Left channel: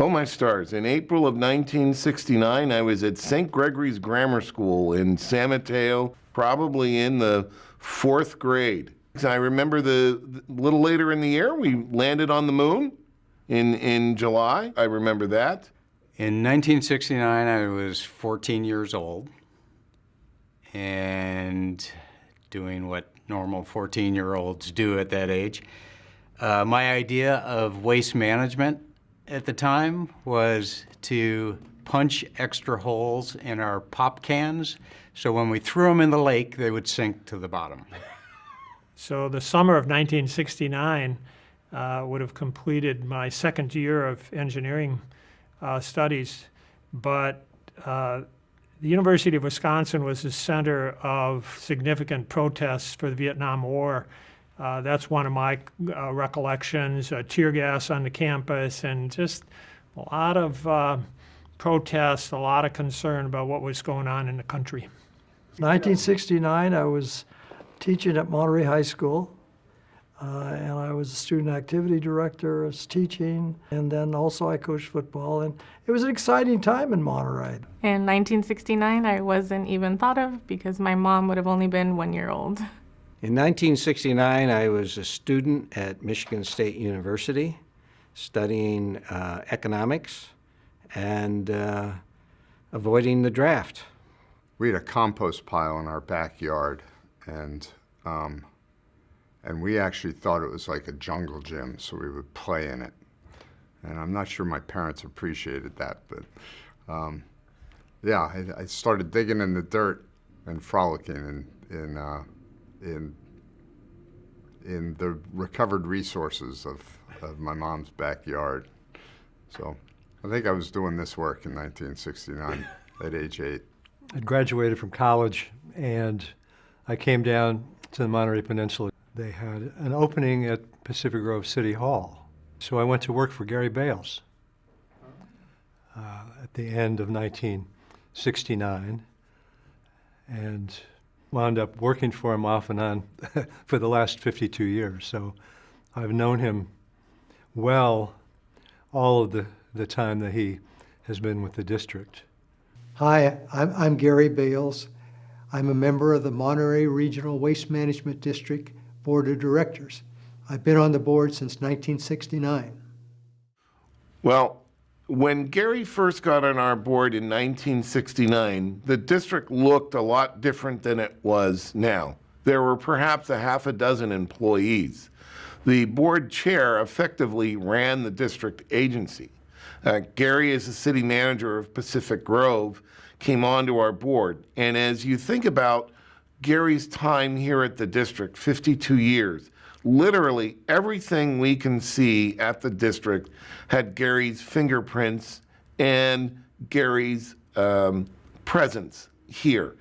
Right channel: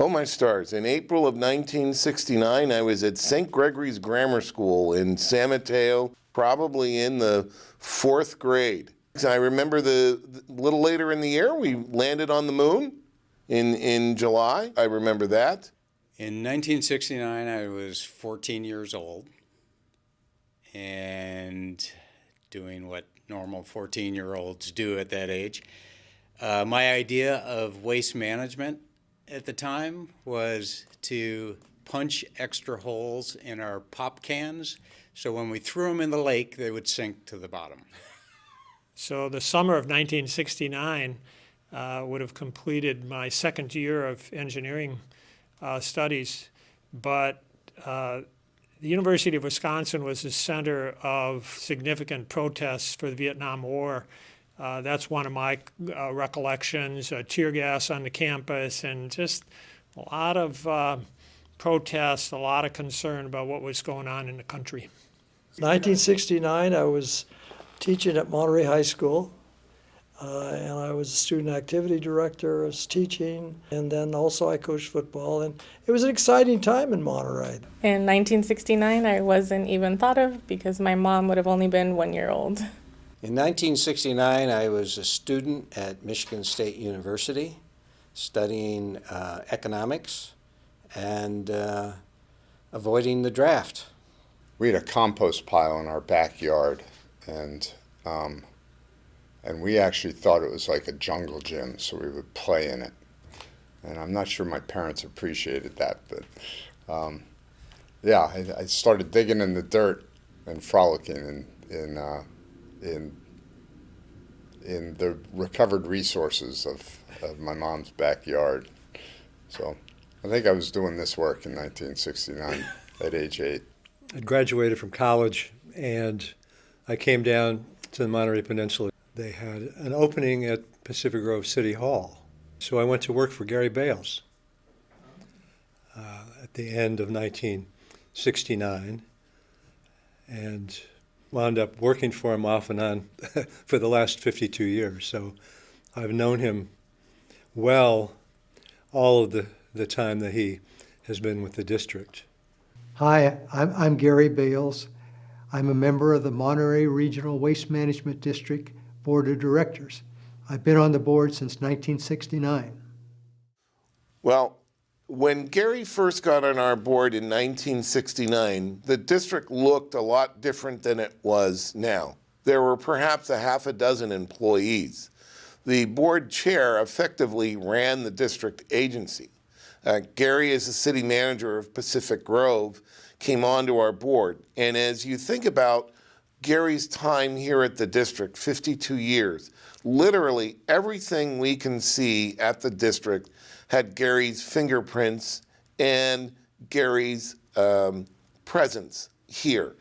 Oh, my stars. In April of 1969, I was at St. Gregory's Grammar School in San Mateo, probably in the 4th grade. I remember the little later in the year, we landed on the moon in July. I remember that. In 1969, I was 14 years old and doing what normal 14-year-olds do at that age. My idea of waste management at the time was to punch extra holes in our pop cans so when we threw them in the lake, they would sink to the bottom. So the summer of 1969 would have completed my second year of engineering studies, but the University of Wisconsin was the center of significant protests for the Vietnam War. That's one of my recollections, tear gas on the campus, and just a lot of protests, a lot of concern about what was going on in the country. 1969, I was teaching at Monterey High School, and I was a student activity director, I was teaching, and then also I coached football, and it was an exciting time in Monterey. In 1969, I wasn't even thought of because my mom would have only been 1 year old. In 1969, I was a student at Michigan State University studying economics and avoiding the draft. We had a compost pile in our backyard, and we actually thought it was like a jungle gym, so we would play in it. And I'm not sure my parents appreciated that, but yeah, I started digging in the dirt and frolicking in the recovered resources of my mom's backyard. So I think I was doing this work in 1969 at age 8. I graduated from college and I came down to the Monterey Peninsula. They had an opening at Pacific Grove City Hall. So I went to work for Gary Bales at the end of 1969 and wound up working for him off and on for the last 52 years. So I've known him well all of the time that he has been with the district. Hi, I'm Gary Bales. I'm a member of the Monterey Regional Waste Management District Board of Directors. I've been on the board since 1969. Well, when Gary first got on our board in 1969, the district looked a lot different than it was now. There were perhaps a half a dozen employees. The board chair effectively ran the district agency. Gary, as the city manager of Pacific Grove, came onto our board. And as you think about Gary's time here at the district, 52 years, literally everything we can see at the district had Gary's fingerprints and Gary's presence here.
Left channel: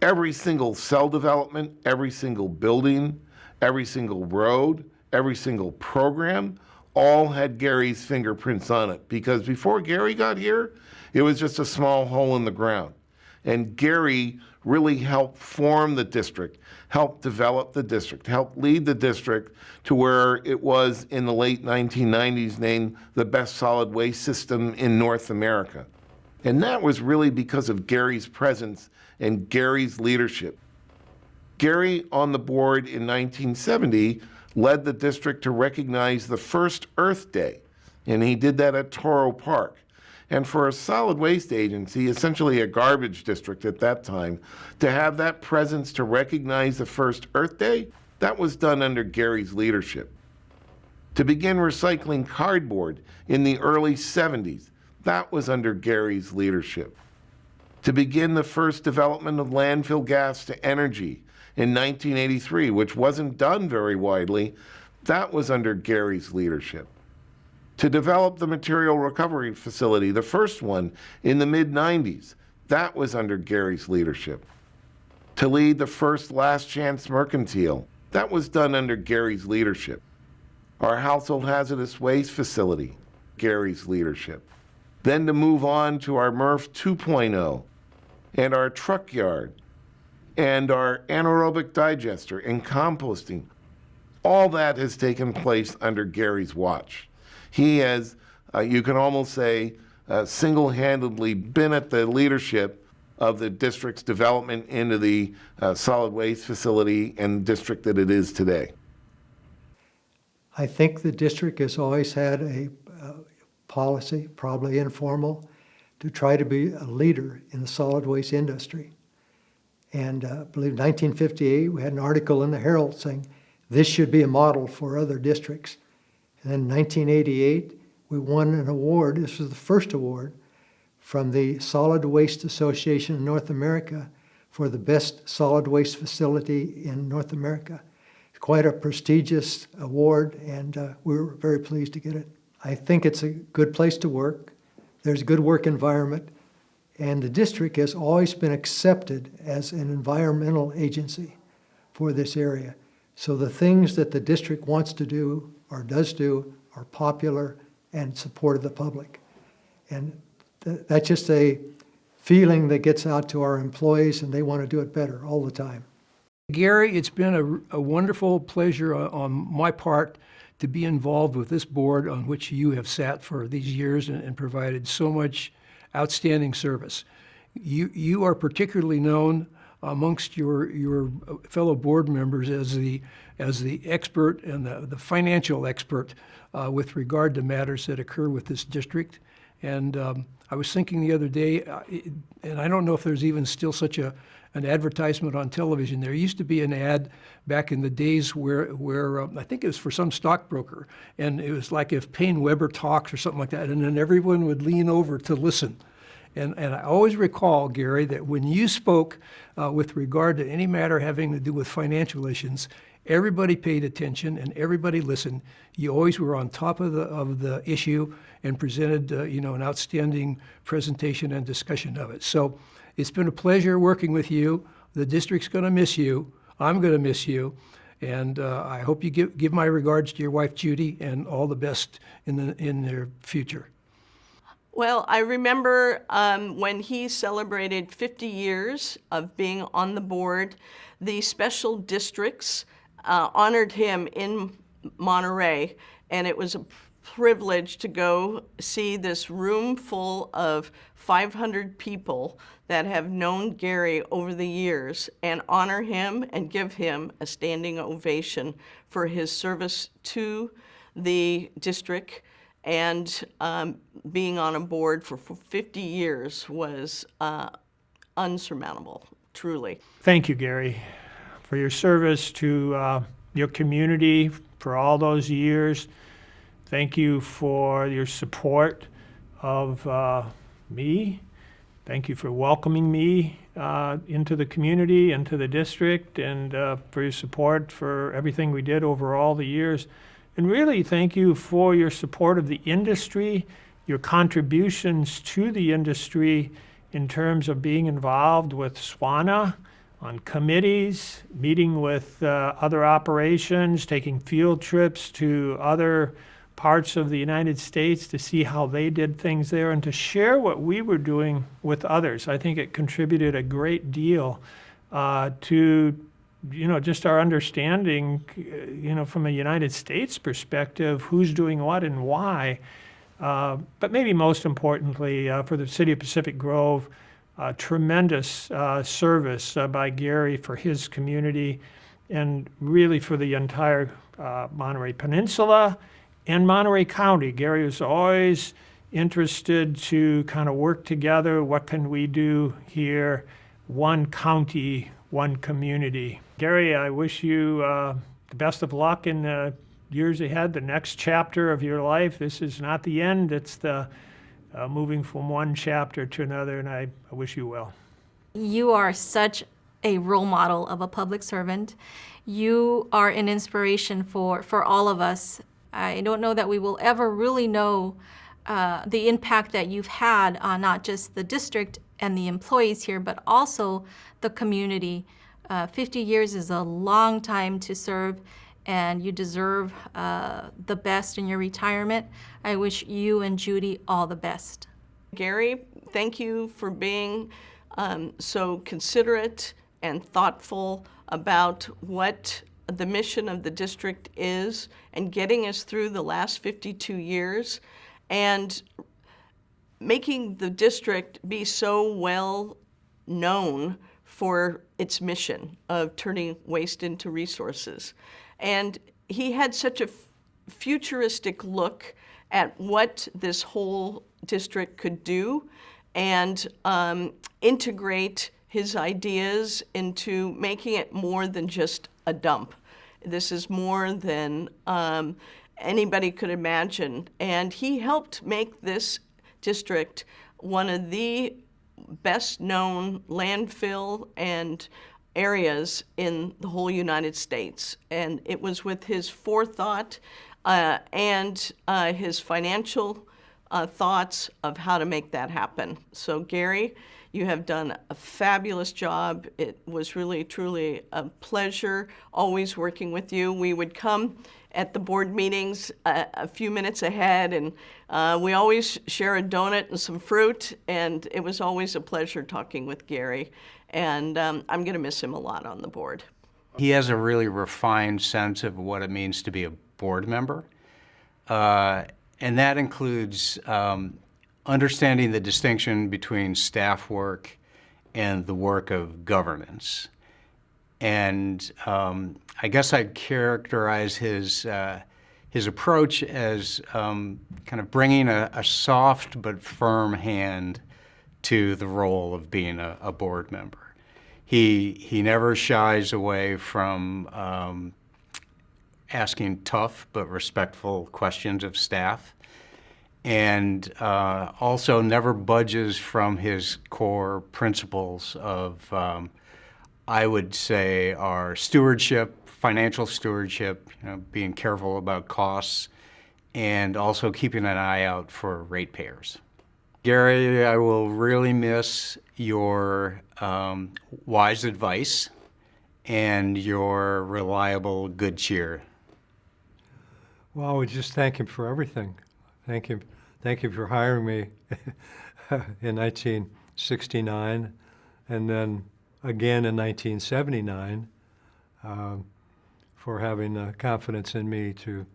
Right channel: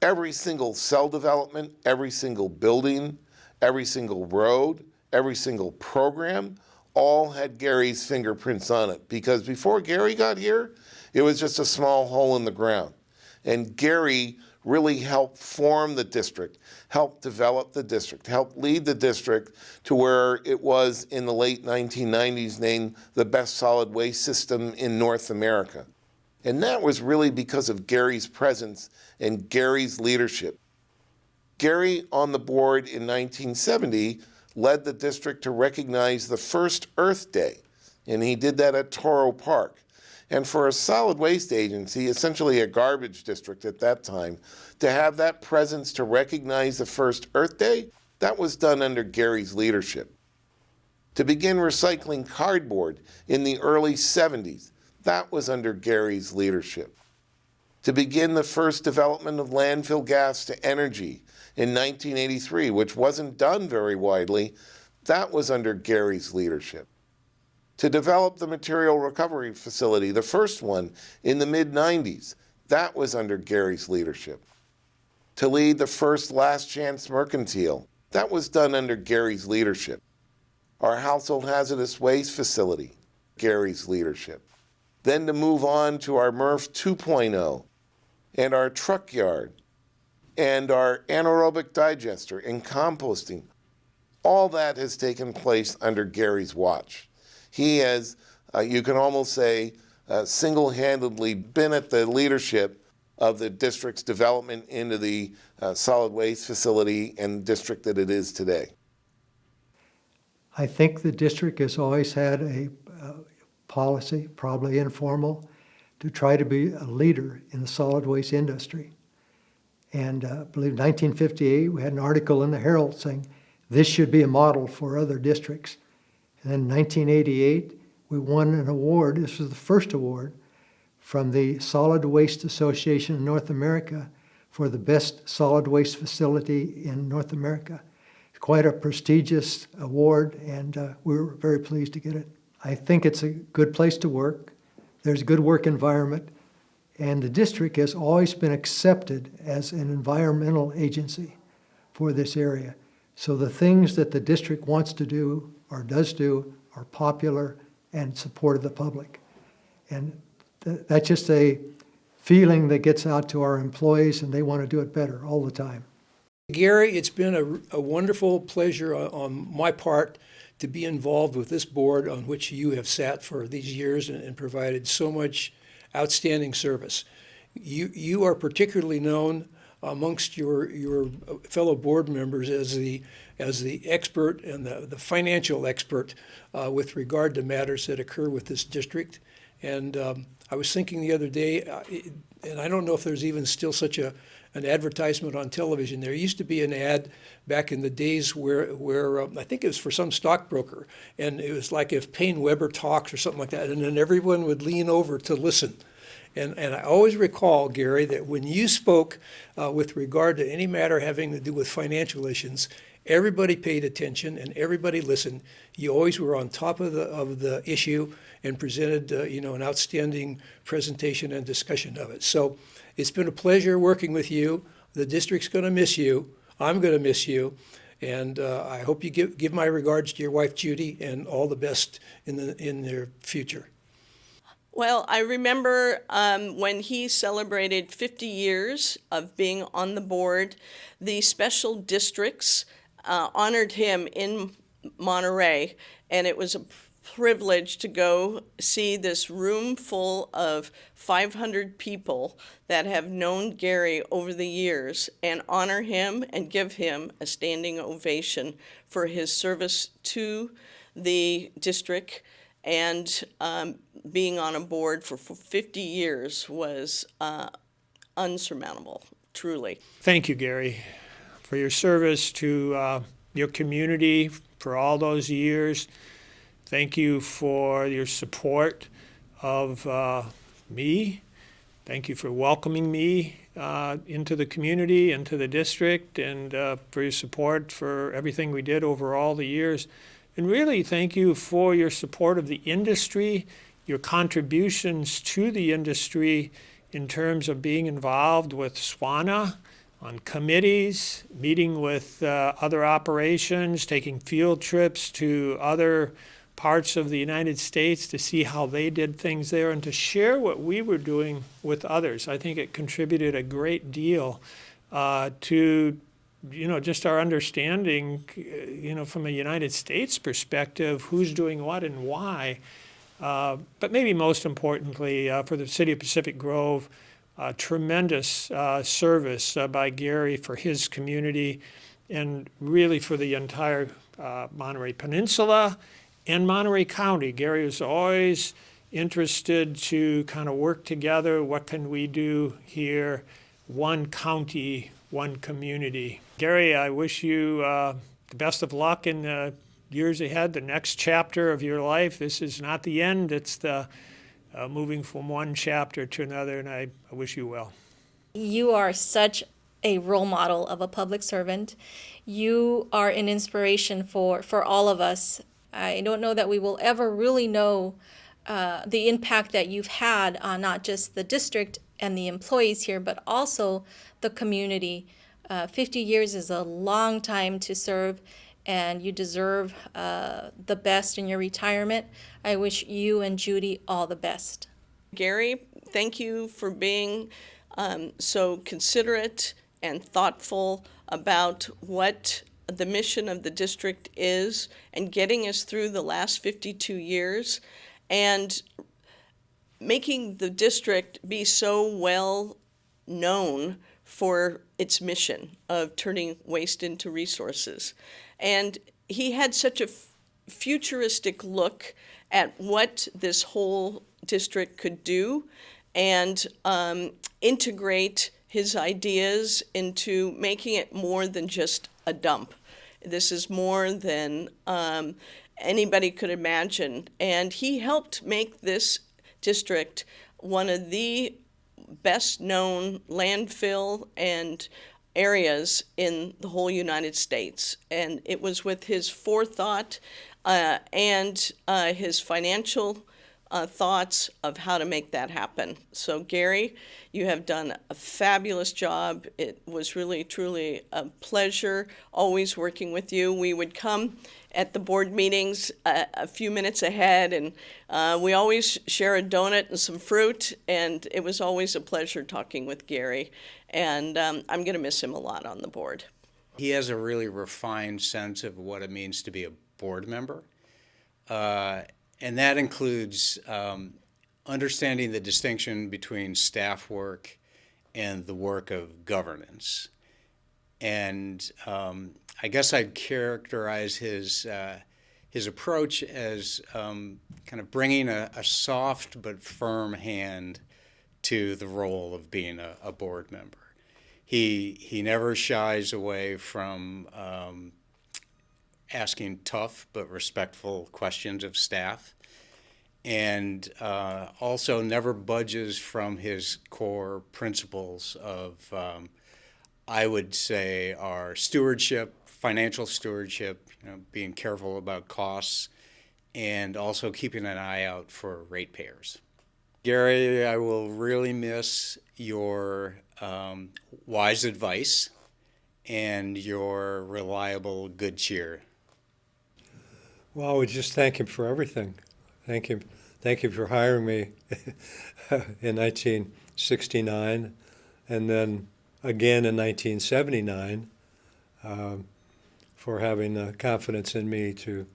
Every single cell development, every single building, every single road, every single program, all had Gary's fingerprints on it. Because before Gary got here, it was just a small hole in the ground. And Gary really helped form the district, helped develop the district, helped lead the district to where it was in the late 1990s named the best solid waste system in North America. And that was really because of Gary's presence and Gary's leadership. Gary, on the board in 1970, led the district to recognize the first Earth Day, and he did that at Toro Park. And for a solid waste agency, essentially a garbage district at that time, to have that presence to recognize the first Earth Day, that was done under Gary's leadership. To begin recycling cardboard in the early 70s, that was under Gary's leadership. To begin the first development of landfill gas-to-energy in 1983, which wasn't done very widely, that was under Gary's leadership. To develop the material recovery facility, the first one in the mid-90s, that was under Gary's leadership. To lead the first Last Chance Mercantile, that was done under Gary's leadership. Our household hazardous waste facility, Gary's leadership. Then to move on to our MRF 2.0 and our truck yard and our anaerobic digester and composting. All that has taken place under Gary's watch. He has you can almost say single-handedly been at the leadership of the district's development into the solid waste facility and district that it is today. I think the district has always had a policy, probably informal, to try to be a leader in the solid waste industry. And I believe 1958, we had an article in the Herald saying this should be a model for other districts. And then in 1988, we won an award. This was the first award from the Solid Waste Association of North America for the best solid waste facility in North America. It's quite a prestigious award, and we were very pleased to get it. I think it's a good place to work. There's a good work environment, and the district has always been accepted as an environmental agency for this area. So the things that the district wants to do or does do are popular and support of the public. And that's just a feeling that gets out to our employees, and they want to do it better all the time. Gary, it's been a wonderful pleasure on my part to be involved with this board on which you have sat for these years and provided so much outstanding service. You are particularly known amongst your fellow board members as the expert and the financial expert with regard to matters that occur with this district. And I was thinking the other day, and I don't know if there's even still such an advertisement on television. There used to be an ad back in the days where I think it was for some stockbroker, and it was like if Payne Weber talks or something like that, and then everyone would lean over to listen. And I always recall, Gary, that when you spoke with regard to any matter having to do with financial issues, everybody paid attention and everybody listened. You always were on top of the issue and presented an outstanding presentation and discussion of it. So it's been a pleasure working with you. The district's going to miss you. I'm going to miss you. And I hope you give my regards to your wife, Judy, and all the best in their future. Well, I remember when he celebrated 50 years of being on the board, the special districts honored him in Monterey, and it was a privilege to go see this room full of 500 people that have known Gary over the years and honor him and give him a standing ovation for his service to the district. And being on a board for 50 years was unsurmountable, truly. Thank you, Gary, for your service to your community for all those years. Thank you for your support of me. Thank you for welcoming me into the community, into the district, and for your support for everything we did over all the years. And really, thank you for your support of the industry, your contributions to the industry in terms of being involved with SWANA on committees, meeting with other operations, taking field trips to other parts of the United States to see how they did things there and to share what we were doing with others. I think it contributed a great deal to just our understanding, from a United States perspective, who's doing what and why. But maybe most importantly, for the city of Pacific Grove, tremendous service by Gary for his community and really for the entire Monterey Peninsula and Monterey County. Gary was always interested to kind of work together. What can we do here? One county, one community. Gary, I wish you the best of luck in the years ahead, the next chapter of your life. This is not the end. It's the moving from one chapter to another, and I wish you well. You are such a role model of a public servant. You are an inspiration for all of us. I don't know that we will ever really know the impact that you've had on not just the district and the employees here, but also the community. 50 years is a long time to serve, and you deserve the best in your retirement. I wish you and Judy all the best. Gary, thank you for being so considerate and thoughtful about what the mission of the district is and getting us through the last 52 years. and making the district be so well known for its mission of turning waste into resources. And he had such a futuristic look at what this whole district could do and integrate his ideas into making it more than just a dump. This is more than anybody could imagine. And he helped make this district one of the best known landfill and areas in the whole United States. And it was with his forethought and his financial thoughts of how to make that happen. So Gary, you have done a fabulous job. It was really, truly a pleasure always working with you. We would come at the board meetings a few minutes ahead, and we always share a donut and some fruit, and it was always a pleasure talking with Gary. And I'm going to miss him a lot on the board. He has a really refined sense of what it means to be a board member. And that includes understanding the distinction between staff work and the work of governance. And I guess I'd characterize his approach as kind of bringing a soft but firm hand to the role of being a board member. He never shies away from asking tough but respectful questions of staff, and also never budges from his core principles of, I would say, our stewardship, financial stewardship, being careful about costs, and also keeping an eye out for ratepayers. Gary, I will really miss your wise advice and your reliable good cheer. Well, I would just thank him for everything. Thank him for hiring me in 1969, and then again in 1979 for having the confidence in me to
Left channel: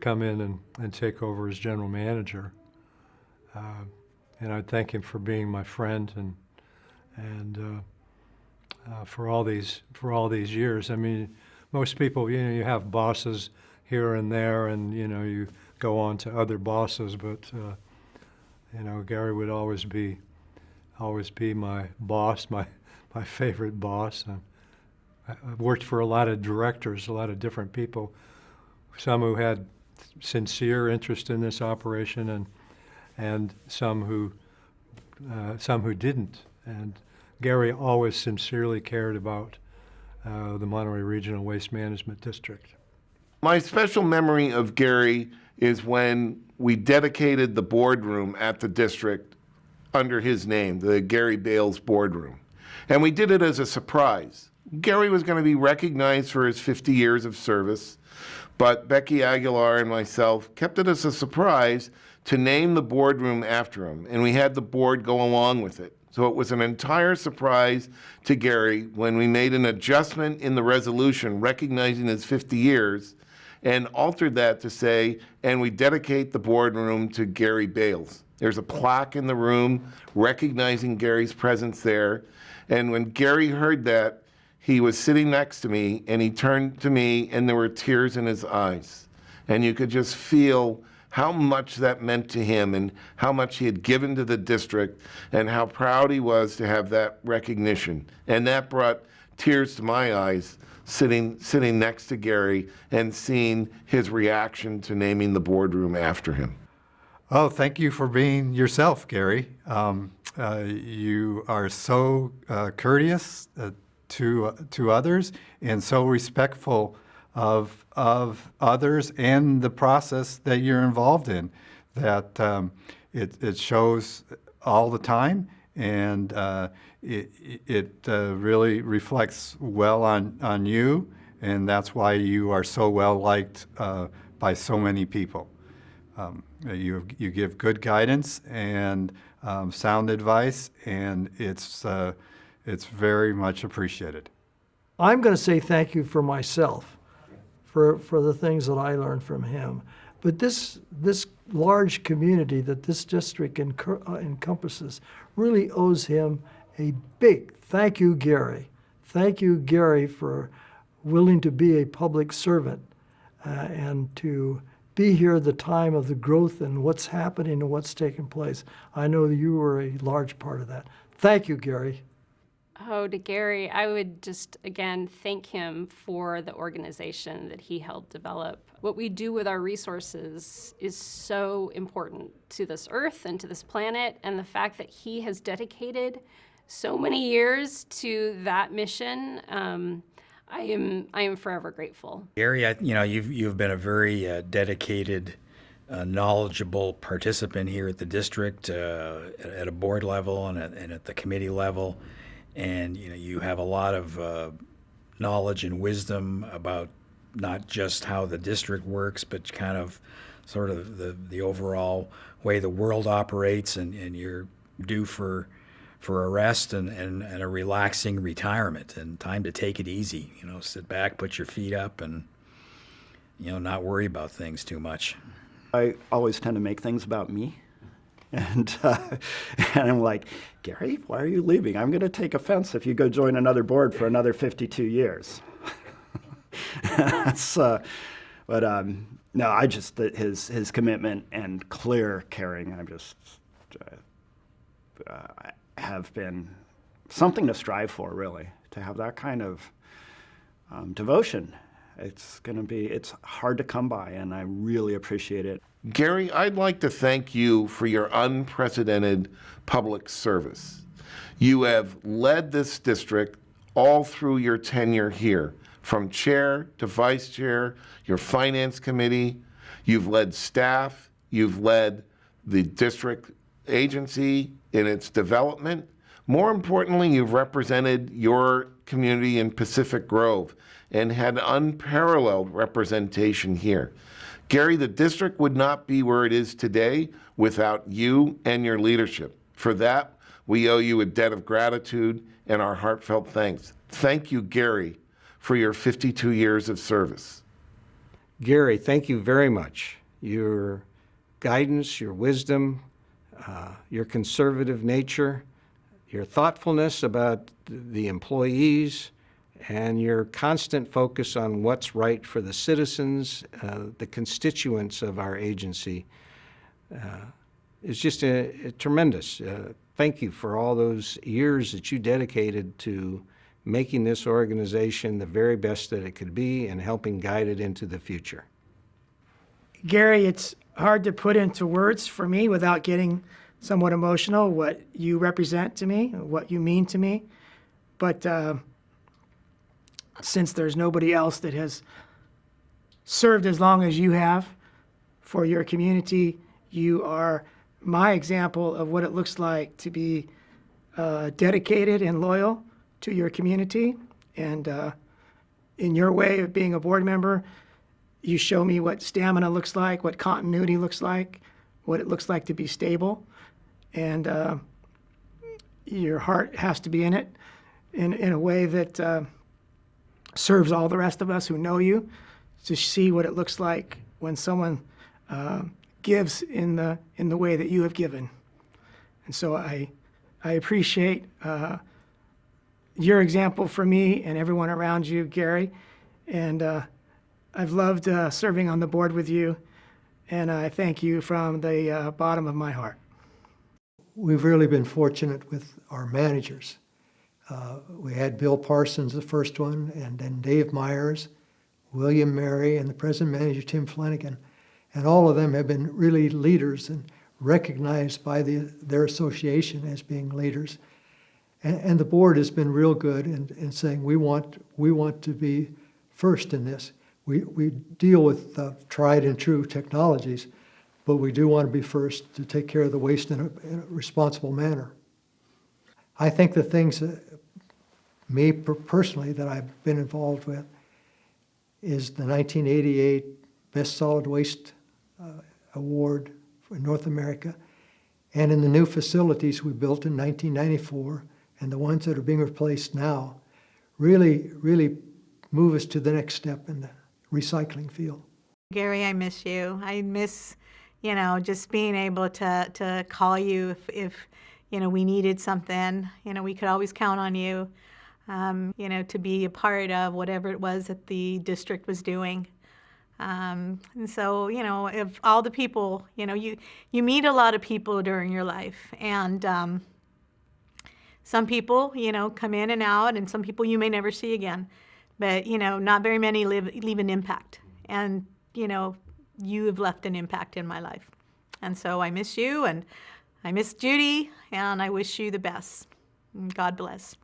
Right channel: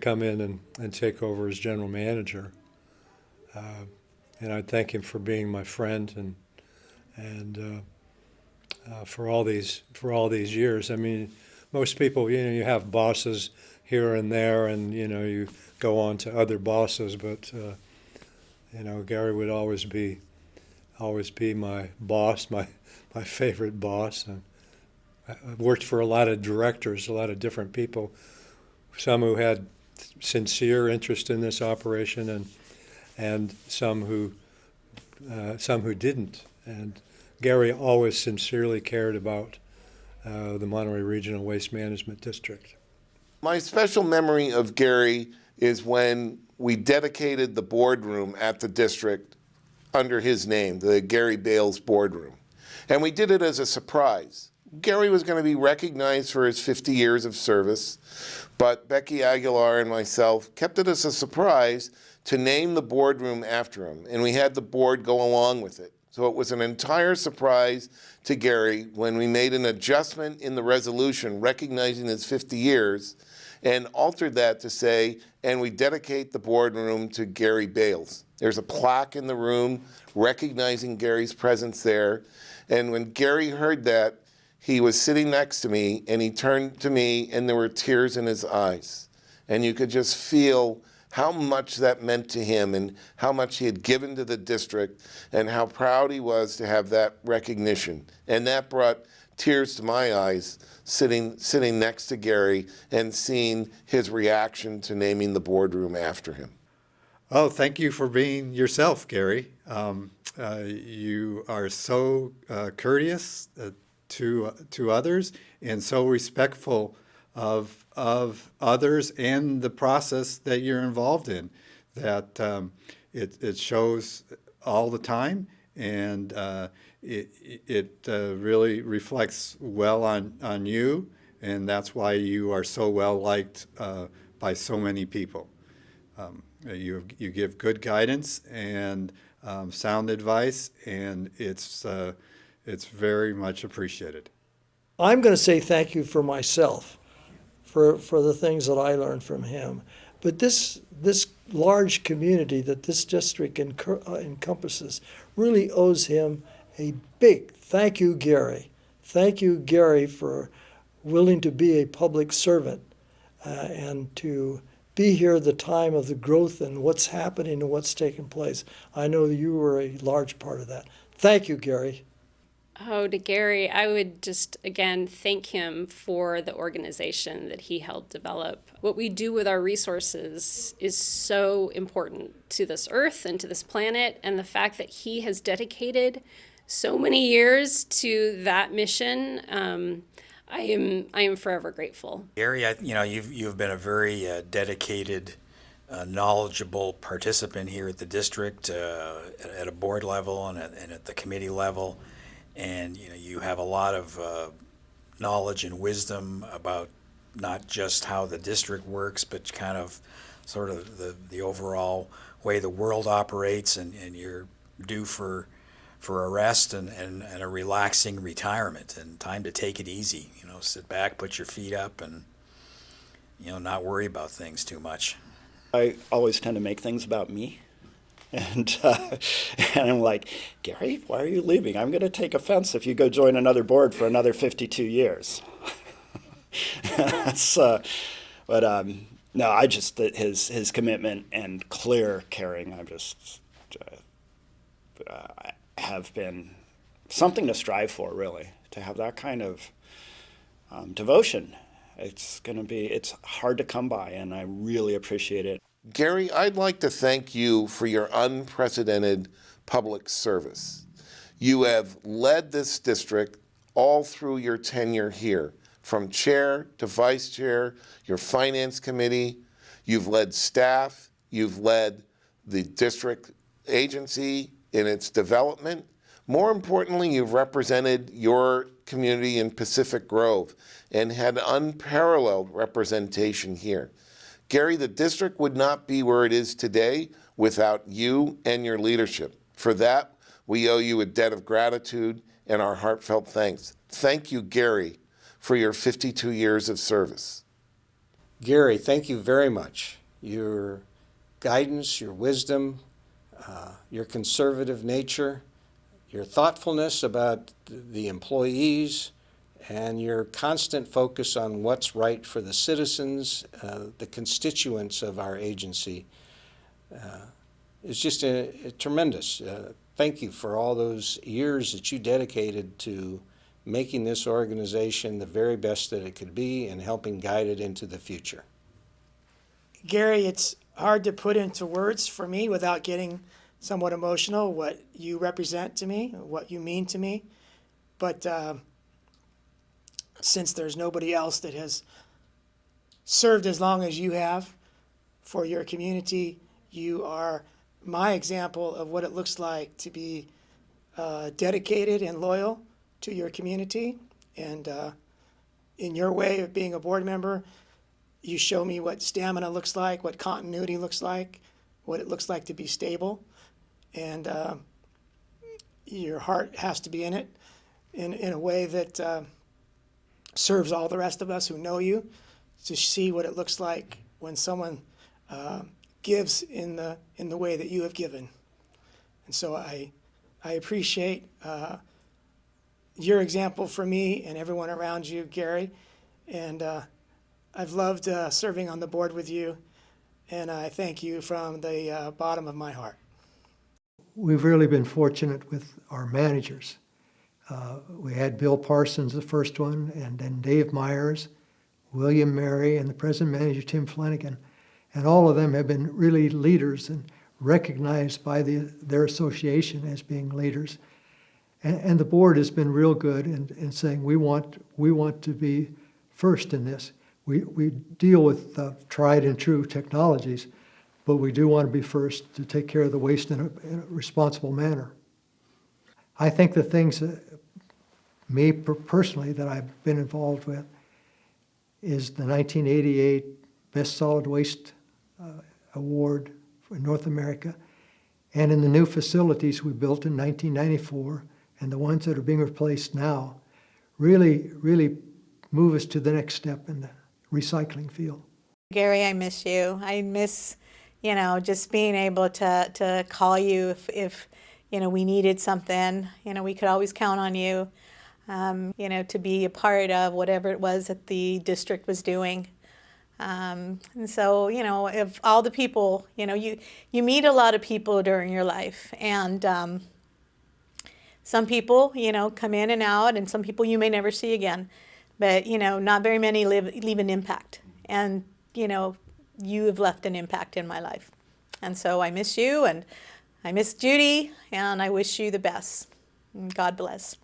come in and take over as general manager. And I thank him for being my friend and for all these years. I mean, most people, you have bosses here and there, and you go on to other bosses, but Gary would always be my boss, my favorite boss. And I've worked for a lot of directors, a lot of different people, some who had sincere interest in this operation, and some who didn't. And Gary always sincerely cared about the Monterey Regional Waste Management District. My special memory of Gary is when we dedicated the boardroom at the district under his name, the Gary Bales boardroom. And we did it as a surprise. Gary was going to be recognized for his 50 years of service, but Becky Aguilar and myself kept it as a surprise to name the boardroom after him, and we had the board go along with it. So it was an entire surprise to Gary when we made an adjustment in the resolution recognizing his 50 years and altered that to say, and we dedicate the boardroom to Gary Bales. There's a plaque in the room recognizing Gary's presence there. And when Gary heard that, he was sitting next to me, and he turned to me, and there were tears in his eyes. And you could just feel how much that meant to him and how much he had given to the district and how proud he was to have that recognition. And that brought tears to my eyes sitting next to Gary and seeing his reaction to naming the boardroom after him. Oh, thank you for being yourself, Gary. You are so courteous to others and so respectful of others and the process that you're involved in, that it shows all the time, and it really reflects well on you, and that's why you are so well liked by so many people. You give good guidance and sound advice, and it's very much appreciated. I'm going to say thank you for myself, for the things that I learned from him. But this large community that this district encompasses really owes him a big thank you, Gary. Thank you, Gary, for willing to be a public servant and to be here at the time of the growth and what's happening and what's taking place. I know you were a large part of that. Thank you, Gary. Oh, to Gary, I would just, again, thank him for the organization that he helped develop. What we do with our resources is so important to this earth and to this planet, and the fact that he has dedicated so many years to that mission, I am forever grateful. Gary, you've been a very dedicated, knowledgeable participant here at the district, at a board level and at the committee level. And you have a lot of knowledge and wisdom about not just how the district works, but kind of sort of the overall way the world operates, and you're due for a rest and a relaxing retirement and time to take it easy. Sit back, put your feet up, and not worry about things too much. I always tend to make things about me. And I'm like, Gary, why are you leaving? I'm going to take offense if you go join another board for another 52 years. No, I just, his commitment and clear caring, have been something to strive for, really, to have that kind of devotion. It's hard to come by, and I really appreciate it. Gary, I'd like to thank you for your unprecedented public service. You have led this district all through your tenure here, from chair to vice chair, your finance committee. You've led staff, you've led the district agency in its development. More importantly, you've represented your community in Pacific Grove and had unparalleled representation here. Gary, the district would not be where it is today without you and your leadership. For that, we owe you a debt of gratitude and our heartfelt thanks. Thank you, Gary, for your 52 years of service. Gary, thank you very much. Your guidance, your wisdom, your conservative nature, your thoughtfulness about the employees, and your constant focus on what's right for the citizens, the constituents of our agency, is just tremendous. Thank you for all those years that you dedicated to making this organization the very best that it could be and helping guide it into the future. Gary, it's hard to put into words for me without getting somewhat emotional what you represent to me, what you mean to me. But since there's nobody else that has served as long as you have for your community, you are my example of what it looks like to be dedicated and loyal to your community. And in your way of being a board member, you show me what stamina looks like, what continuity looks like, what it looks like to be stable. And your heart has to be in it in a way that serves all the rest of us who know you, to see what it looks like when someone gives in the way that you have given. And so I appreciate your example for me and everyone around you, Gary. And I've loved serving on the board with you, and I thank you from the bottom of my heart. We've really been fortunate with our managers. We had Bill Parsons, the first one, and then Dave Myers, William Mary, and the present manager, Tim Flanagan. And all of them have been really leaders and recognized by their association as being leaders. And the board has been real good in saying we want to be first in this. We deal with tried and true technologies, but we do want to be first to take care of the waste in a responsible manner. I think the things me personally that I've been involved with is the 1988 Best Solid Waste Award for North America, and in the new facilities we built in 1994 and the ones that are being replaced now really move us to the next step in the recycling field. Gary, I miss you. I miss, just being able to call you if we needed something. We could always count on you, to be a part of whatever it was that the district was doing. And so, if all the people, you meet a lot of people during your life, and some people, come in and out, and some people you may never see again. But, not very many leave an impact. And, you have left an impact in my life. And so I miss you, and I miss Judy, and I wish you the best. And God bless.